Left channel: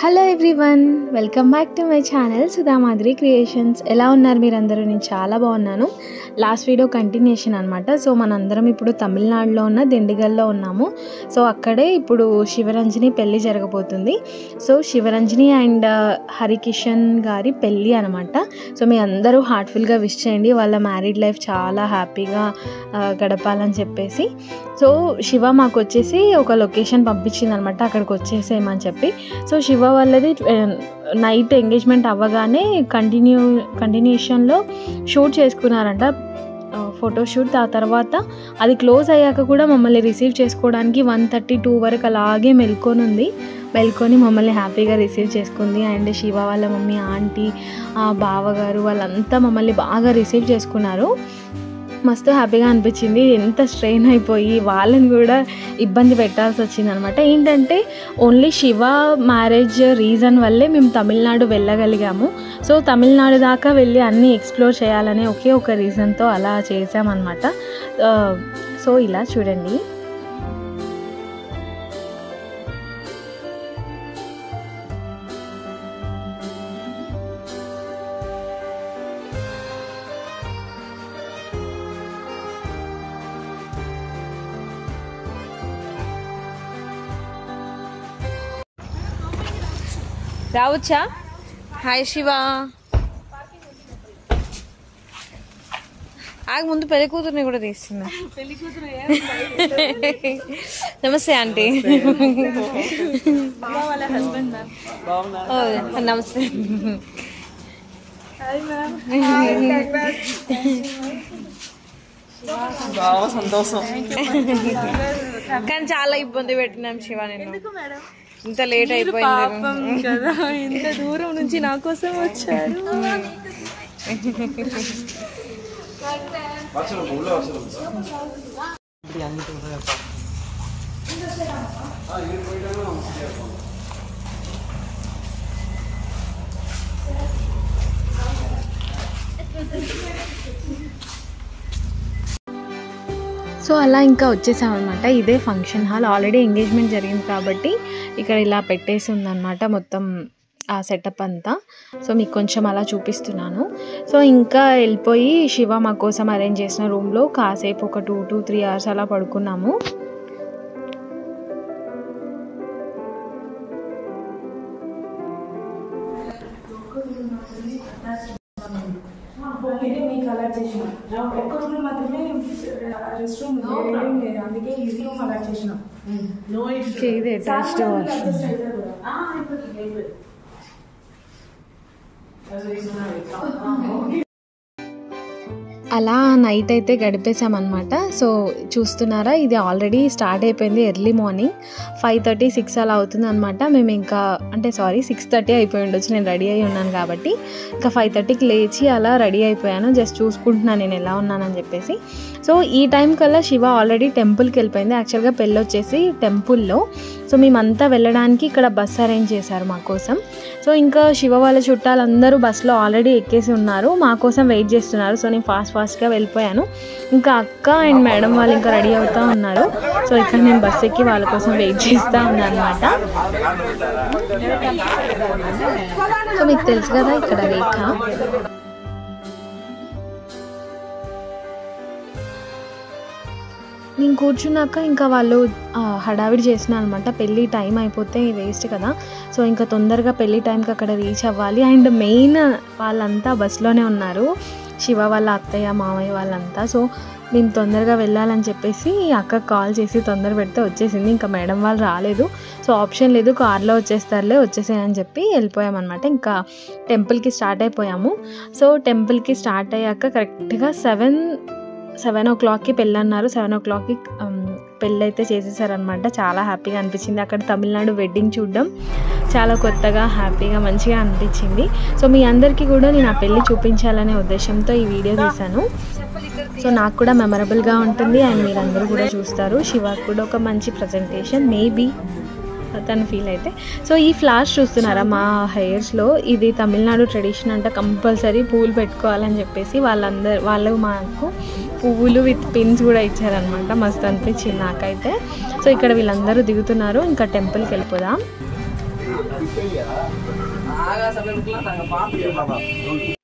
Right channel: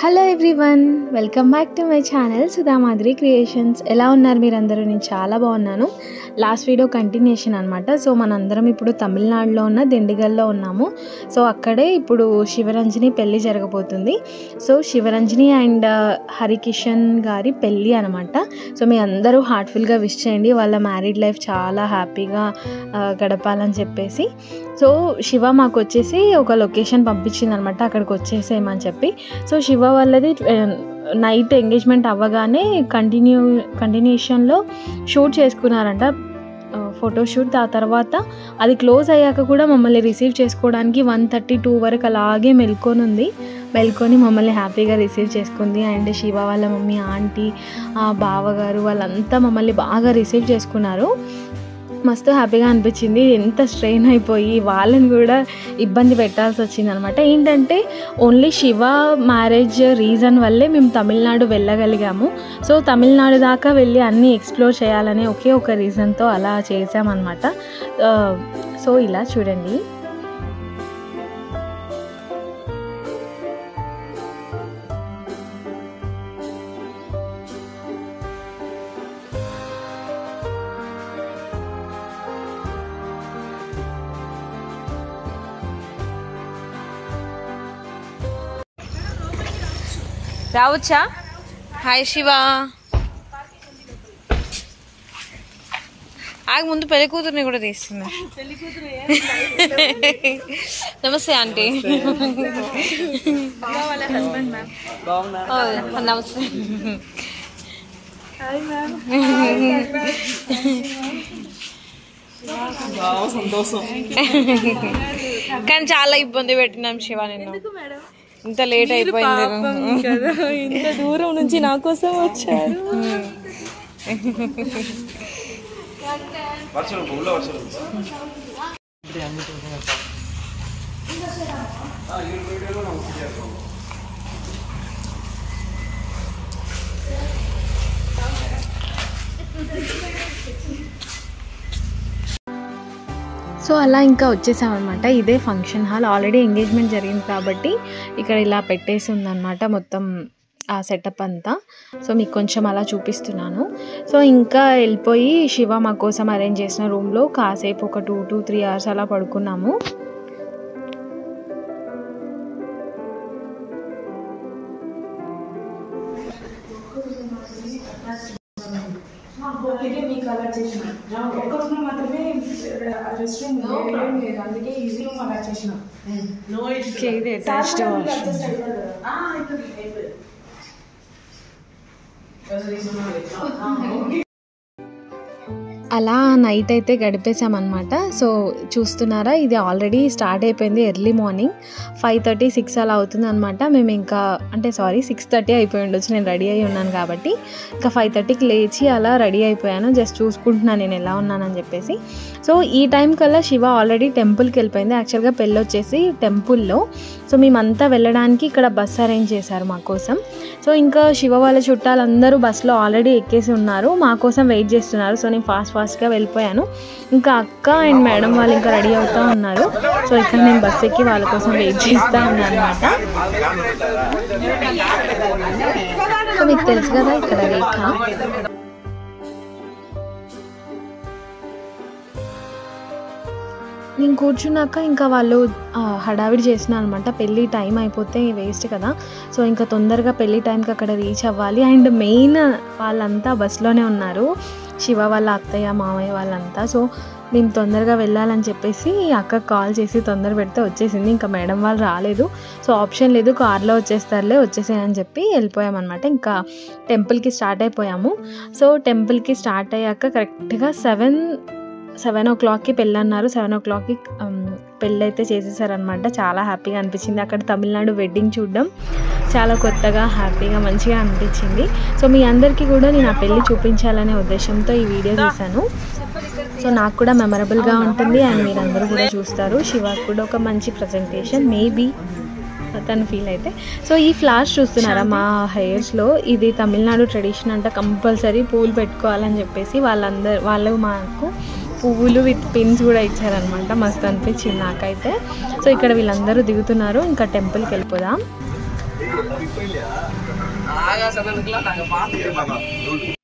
Hello everyone, welcome back to my channel Sudha Madhuri creations. ఎలా ఉన్నారు మీరందరూ? నేను చాలా బాగున్నాను. లాస్ట్ వీడియో కంటిన్యూషన్ అనమాట. సో మనందరం ఇప్పుడు తమిళనాడులో ఉన్న దిండిగల్లో ఉన్నాము. సో అక్కడే ఇప్పుడు శివరంజని పెళ్ళి జరగబోతుంది. సో శివరంజని అండ్ హరికిషన్ గారి పెళ్ళి అనమాట. సో మీ అందరూ హార్ట్ఫుల్గా విష్ చేయండి. వాళ్ళ మ్యారీడ్ లైఫ్ చాలా హ్యాపీగా గడపాలని చెప్పేసి. సో శివ మాకు వచ్చేసి ఒక లొకేషన్ పంపించింది అనమాట, అక్కడికి వచ్చేసేయమని చెప్పి. సో శివ వాళ్ళది నైట్ ఎంగేజ్మెంట్ అవ్వగానే కంటిన్యూషన్లో షూట్ చేసుకున్నారంట, ఫోటోషూట్. ఆ తర్వాత అది క్లోజ్ అయ్యాక కూడా మమ్మల్ని రిసీవ్ చేసుకోవడానికి 1:32 వరకు అలాగే మెల్కొని మమ్మల్ని హ్యాపీగా రిసీవ్ చేసుకుంది. అండ్ శివ వాళ్ళ మమ్మీ, ఆంటీ, బావగారు వాళ్ళంతా మమ్మల్ని బాగా రిసీవ్ చేసుకున్నారు. మస్తు హ్యాపీగా అనిపించింది. ఎంత స్ట్రెయిన్ అయిపోయి వాళ్ళని కూడా ఇబ్బంది పెట్టాల్సి వచ్చింది అనమాట. ఏంటంటే ఓన్లీ శివ మ్యారేజ్ రీజన్ వల్లే మేము తమిళనాడు వెళ్ళగలిగాము. సో తమిళనాడు దాకా వెళ్ళి అన్నీ ఎక్స్ప్లోర్ చేయాలనే ఒకే ఒక రీజన్తో అలా చేసామన్నమాట. సో ఇలా చూడండి. రావచ్చా? హాయ్ శివ. ఆగ ముందు పెళ్లి కూతురుని కూడా తీస్తున్నా. నమస్తే ఆంటీ. నమస్తే. సంతోషం. కానీ చాలా ఇబ్బంది పెట్టినాం శివ. నేను ఇంత లేట్ అయిపోయింది కదా, ఇంత దూరం నుంచి నా కోసం వచ్చారు. సో అలా ఇంకా వచ్చేసామన్నమాట. ఇదే ఫంక్షన్ హాల్. ఆల్రెడీ ఎంగేజ్మెంట్ జరిగింది కాబట్టి ఇక్కడ ఇలా పెట్టేసి ఉందన్నమాట మొత్తం ఆ సెటప్ అంతా. సో మీకు కొంచెం అలా చూపిస్తున్నాను. సో ఇంకా వెళ్ళిపోయి శివ మా కోసం అరేంజ్ చేసిన రూమ్లో కాసేపు ఒక 2 to 3 hours అలా పడుకున్నాము. అందుకే ఈజీ రూమ్ అలా చేసినాం. అలా నైట్ అయితే గడిపేసామన్నమాట. సో చూస్తున్నారా, ఇది ఆల్రెడీ స్టార్ట్ అయిపోయింది. ఎర్లీ మార్నింగ్ 5:30, 6 అలా అవుతుంది అనమాట. మేము ఇంకా 6:30 అయిపోయి ఉండొచ్చు, నేను రెడీ అయి ఉన్నాను కాబట్టి. ఇంకా 5:30కి లేచి అలా రెడీ అయిపోయాను. జస్ట్ చూసుకుంటున్నాను నేను ఎలా ఉన్నానని చెప్పేసి. సో ఈ టైం కల్లా శివ ఆల్రెడీ టెంపుల్కి వెళ్ళిపోయింది. యాక్చువల్గా పెళ్ళి వచ్చేసి టెంపుల్లో. సో మేమంతా వెళ్ళడానికి ఇక్కడ బస్ అరేంజ్ చేశారు మా కోసం. సో ఇంకా శివ వాళ్ళ చుట్టాలందరూ బస్సులో ఆల్రెడీ ఎక్కేసి ఉన్నారు, మా కోసం వెయిట్ చేస్తున్నారు. సో నేను ఫాస్ట్గా వెళ్ళిపోయాను. ఇంకా అక్క అండ్ మేడం వాళ్ళు ఇంకా రెడీ అవుతూ ఉన్నారు. సో ఇక్కడ నేను బస్ ఎక్కి వాళ్ళ కోసం వెయిట్ చేస్తూ ఉన్నాను అనమాట. సో మీకు తెలుసు కదా, ఇక్కడ రేఖ. నేను కూర్చున్నాక ఇంకా వాళ్ళు హడావిడి చేసిన అనమాట. పెళ్ళి టైం అయిపోతే వేస్ట్ కదా. సో ఇంకా తొందరగా పెళ్ళి టైంకి అక్కడ రీచ్ అవ్వాలి. అండ్ మెయిన్ వాళ్ళంతా బస్లోనే ఉన్నారు, శివ వాళ్ళ అత్తయ్య, మామయ్య వాళ్ళంతా. సో మేము తొందరగా వెళ్ళాలని చెప్పేసి అక్క కాల్ చేసి తొందర పెడితే వచ్చేసింది. ఇంకా మేడం వాళ్ళు రాలేదు. సో ఆప్షన్ లేదు, కార్లో వచ్చేసాయని చెప్పి వెళ్ళిపోయామన్నమాట. ఇంకా టెంపుల్కి స్టార్ట్ అయిపోయాము. సో టెంపుల్కి స్టార్ట్ అయ్యాక కరెక్ట్గా 7 o'clockకి పెళ్ళి అన్నారు. 7 o'clockకి పెళ్ళి అయితే చేసేసారనమాట. చాలా హ్యాపీగా అనిపించింది. అక్కడ తమిళనాడు వెడ్డింగ్ చూడడం చాలా కొత్తగా, హ్యాపీగా, మంచిగా అనిపించింది. సో మీ అందరికీ కూడా నేను ఆ పెళ్ళి చూపించాలనే ఉద్దేశంతో ఈ వీడియో తీశాను. సో నాకు కూడా మెమరబుల్గా ఉంటుంది అండ్ మీరందరూ కూడా చూస్తారు. శివకు కూడా ఒక మంచి ప్రజెంటేషన్ మేబీ తను ఫీల్ అయితే. సో ఈ ఫ్లవర్స్ చూస్తున్నారా మా హెయిర్స్లో, ఇది తమిళనాడు ట్రెడిషన్ అంట. కంపల్సరీ పువ్వులు పెట్టుకోవాలని చెప్పేసి వాళ్ళు మాకు పువ్వులు విత్ పిన్స్ కూడా ఇచ్చారనమాట. మస్తు అనిపించింది నాకైతే. సో ఇక్కడ వీళ్ళందరూ దిగుతున్నారు. ఇంకా టెంపుల్కి వెళ్ళిపోదాం. ஆகாசத்துக்குலாம் நாங்க பாத்துக்கிறோம்.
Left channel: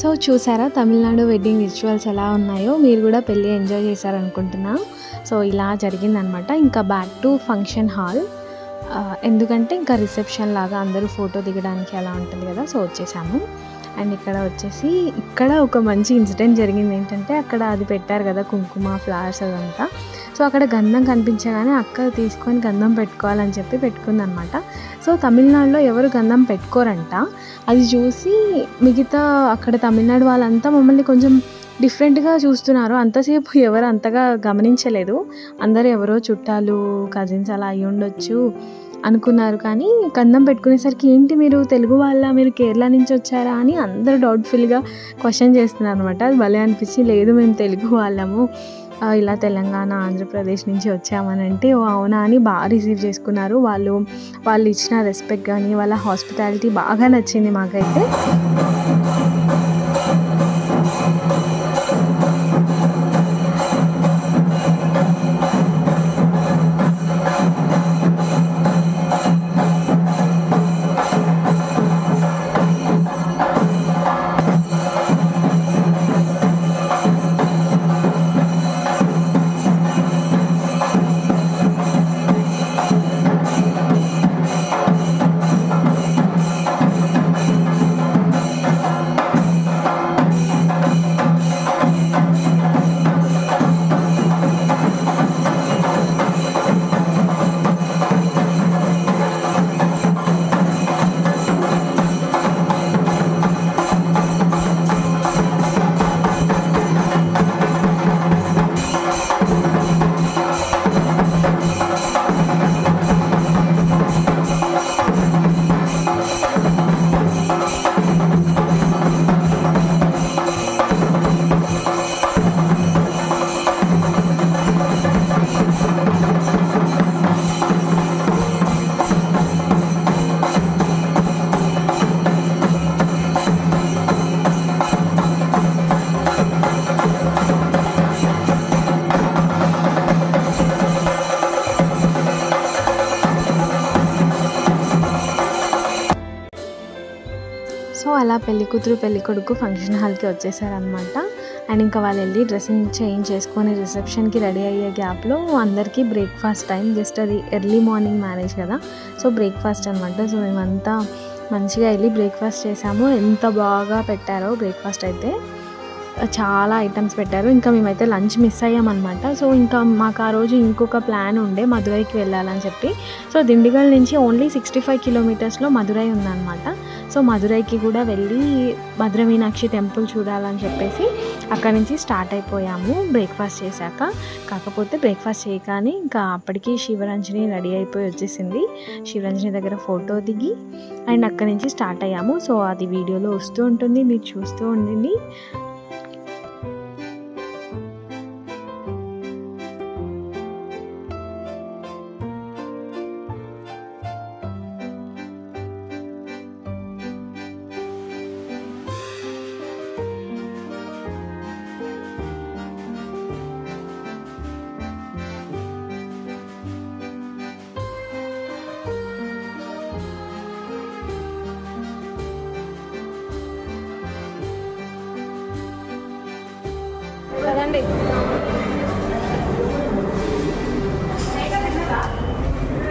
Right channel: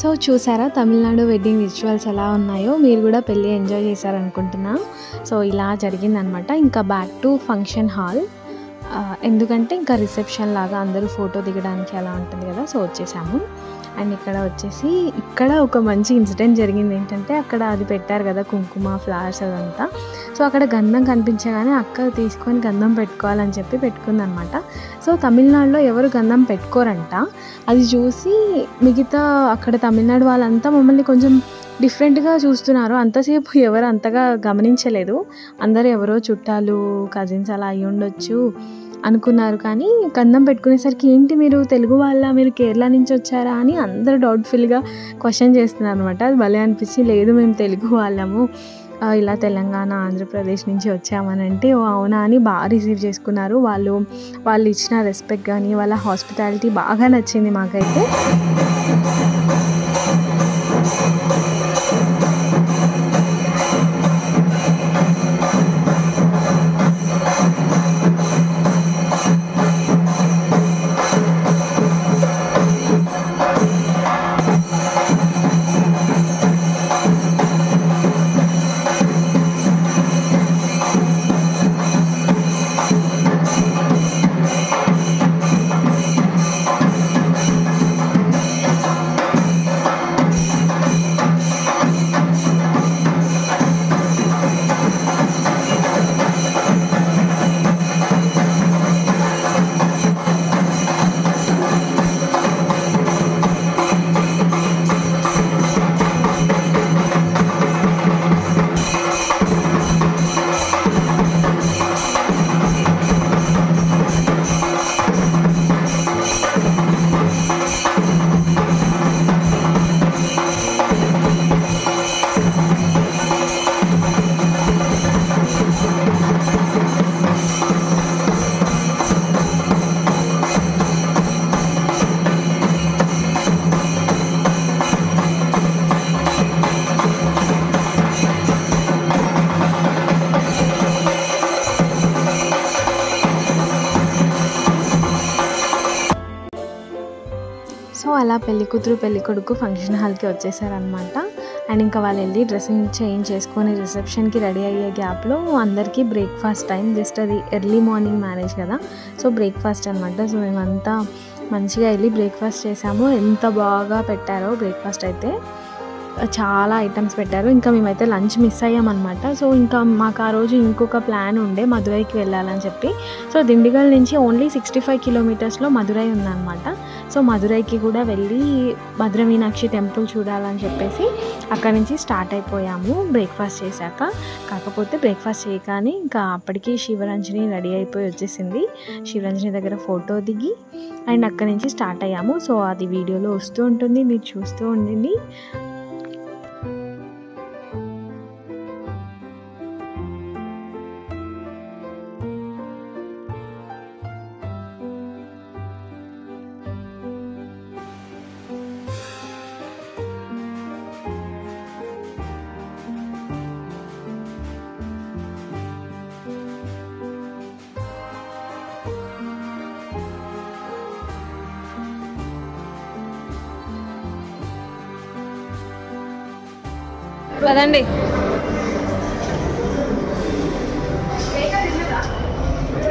సో చూసారా తమిళనాడు వెడ్డింగ్ రిచువల్స్ ఎలా ఉన్నాయో, మీరు కూడా పెళ్ళి ఎంజాయ్ చేశారనుకుంటున్నా. సో ఇలా జరిగిందనమాట. ఇంకా బ్యాక్ టు ఫంక్షన్ హాల్, ఎందుకంటే ఇంకా రిసెప్షన్ లాగా అందరూ ఫోటో దిగడానికి అలా ఉంటుంది కదా, సో వచ్చేసాము. అండ్ ఇక్కడ వచ్చేసి ఇక్కడ ఒక మంచి ఇన్సిడెంట్ జరిగింది. ఏంటంటే అక్కడ అది పెట్టారు కదా కుంకుమ ఫ్లవర్స్ అదంతా. సో అక్కడ గంధం కనిపించగానే అక్క తీసుకొని గంధం పెట్టుకోవాలని చెప్పి పెట్టుకుందనమాట. సో తమిళనాడులో ఎవరు గంధం పెట్టుకోరంట. అది చూసి మిగతా అక్కడ తమిళనాడు వాళ్ళంతా మమ్మల్ని కొంచెం డిఫరెంట్గా చూస్తున్నారు. అంతసేపు ఎవరు అంతగా గమనించలేదు. అందరూ ఎవరో చుట్టాలు కజిన్స్ అలా అయ్యి ఉండొచ్చు అనుకున్నారు. కానీ గంధం పెట్టుకునేసరికి ఏంటి మీరు తెలుగు వాళ్ళ, మీరు కేరళ నుంచి వచ్చారా అని అందరూ డౌట్ఫుల్గా క్వశ్చన్ చేస్తున్నారు అనమాట. అది భలే అనిపించి, లేదు మేము తెలుగు వాళ్ళము, ఇలా తెలంగాణ ఆంధ్రప్రదేశ్ నుంచి వచ్చామని అంటే, ఓ అవునా అని బాగా రిసీవ్ చేసుకున్నారు. వాళ్ళు ఇచ్చిన రెస్పెక్ట్ కానీ వాళ్ళ హాస్పిటాలిటీ బాగా నచ్చింది మాకైతే. సో అలా పెళ్లి కూతురు పెళ్లి కొడుకు ఫంక్షన్ హాల్కి వచ్చేసారనమాట. అండ్ ఇంకా వాళ్ళు వెళ్ళి డ్రెస్సింగ్ చేంజ్ చేసుకొని రిసెప్షన్కి రెడీ అయ్యే గ్యాప్లో అందరికీ బ్రేక్ఫాస్ట్ టైం. జస్ట్ అది ఎర్లీ మార్నింగ్ మ్యారేజ్ కదా, సో బ్రేక్ఫాస్ట్ అనమాట. సో మేమంతా మంచిగా వెళ్ళి బ్రేక్ఫాస్ట్ చేసాము. ఎంత బాగా పెట్టారో బ్రేక్ఫాస్ట్ అయితే, చాలా ఐటమ్స్ పెట్టారు. ఇంకా మేమైతే లంచ్ మిస్ అయ్యామన్నమాట. సో ఇంకా మాకు ఆ రోజు ఇంకొక ప్లాన్ ఉండే మదురైకి వెళ్ళాలని చెప్పి. సో దిండిగల్ నుంచి ఓన్లీ 65 కిలోమీటర్స్లో మదురై ఉందన్నమాట. సో మదురైకి కూడా వెళ్ళి భద్ర మీనాక్షి టెంపుల్ చూడాలని చెప్పేసి అక్కడి నుంచి స్టార్ట్ అయిపోయాము బ్రేక్ఫాస్ట్ చేశాక. కాకపోతే బ్రేక్ఫాస్ట్ చేయగానే ఇంకా అప్పటికి శివరంజని రెడీ అయిపోయి వచ్చేసింది. శివరంజని దగ్గర ఫోటో దిగి అండ్ అక్కడి నుంచి స్టార్ట్ అయ్యాము. సో అది వీడియోలో వస్తూ ఉంటుంది, మీరు చూస్తూ ఉండండి. కదండి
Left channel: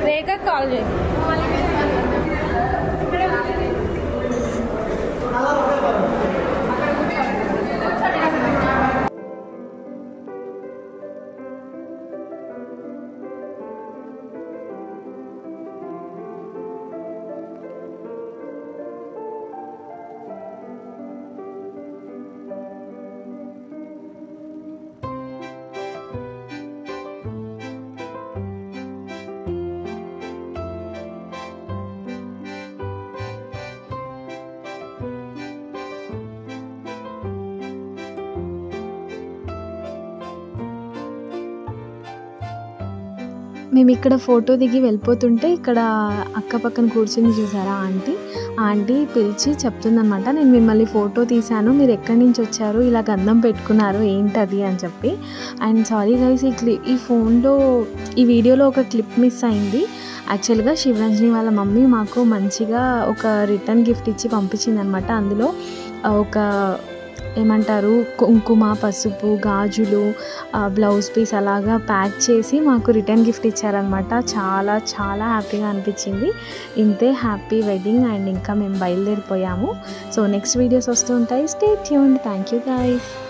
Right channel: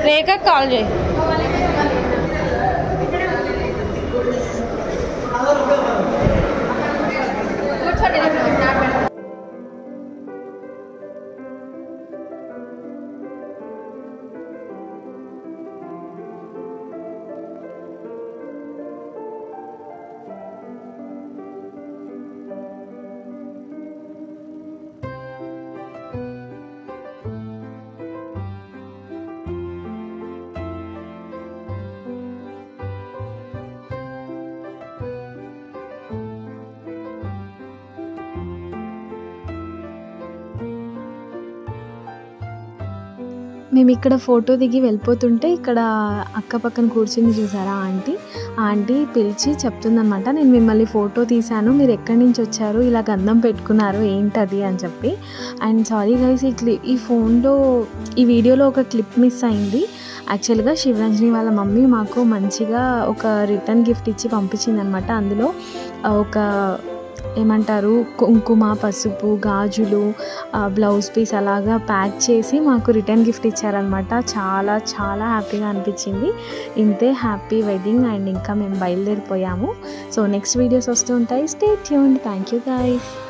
రేఖ కాల్ చేయి. మేము ఇక్కడ ఫోటో దిగి వెళ్ళిపోతుంటే ఇక్కడ అక్క పక్కన కూర్చుని చూసారా ఆంటీ పిలిచి చెప్తుందనమాట, నేను మిమ్మల్ని ఫోటో తీశాను, మీరు ఎక్కడి నుంచి వచ్చారు, ఇలా గంధం పెట్టుకున్నారు ఏంటది అని చెప్పి. అండ్ సారీ గైస్, ఈ ఫోన్లో ఈ వీడియోలో ఒక క్లిప్ మిస్ అయింది. యాక్చువల్గా శివరంజని వాళ్ళ మమ్మీ మాకు మంచిగా ఒక రిటర్న్ గిఫ్ట్ ఇచ్చి పంపించిందనమాట. అందులో ఒక ఏమంటారు కుంకుమ, పసుపు, గాజులు, బ్లౌజ్ పీస్ అలాగా ప్యాక్ చేసి మాకు రిటర్న్ గిఫ్ట్ ఇచ్చారనమాట. చాలా చాలా హ్యాపీగా అనిపించింది. ఇంతే, హ్యాపీ వెడ్డింగ్. అండ్ ఇంకా మేము బయలుదేరిపోయాము. సో నెక్స్ట్ వీడియోస్ వస్తూ ఉంటాయి. Stay tuned. Thank you guys.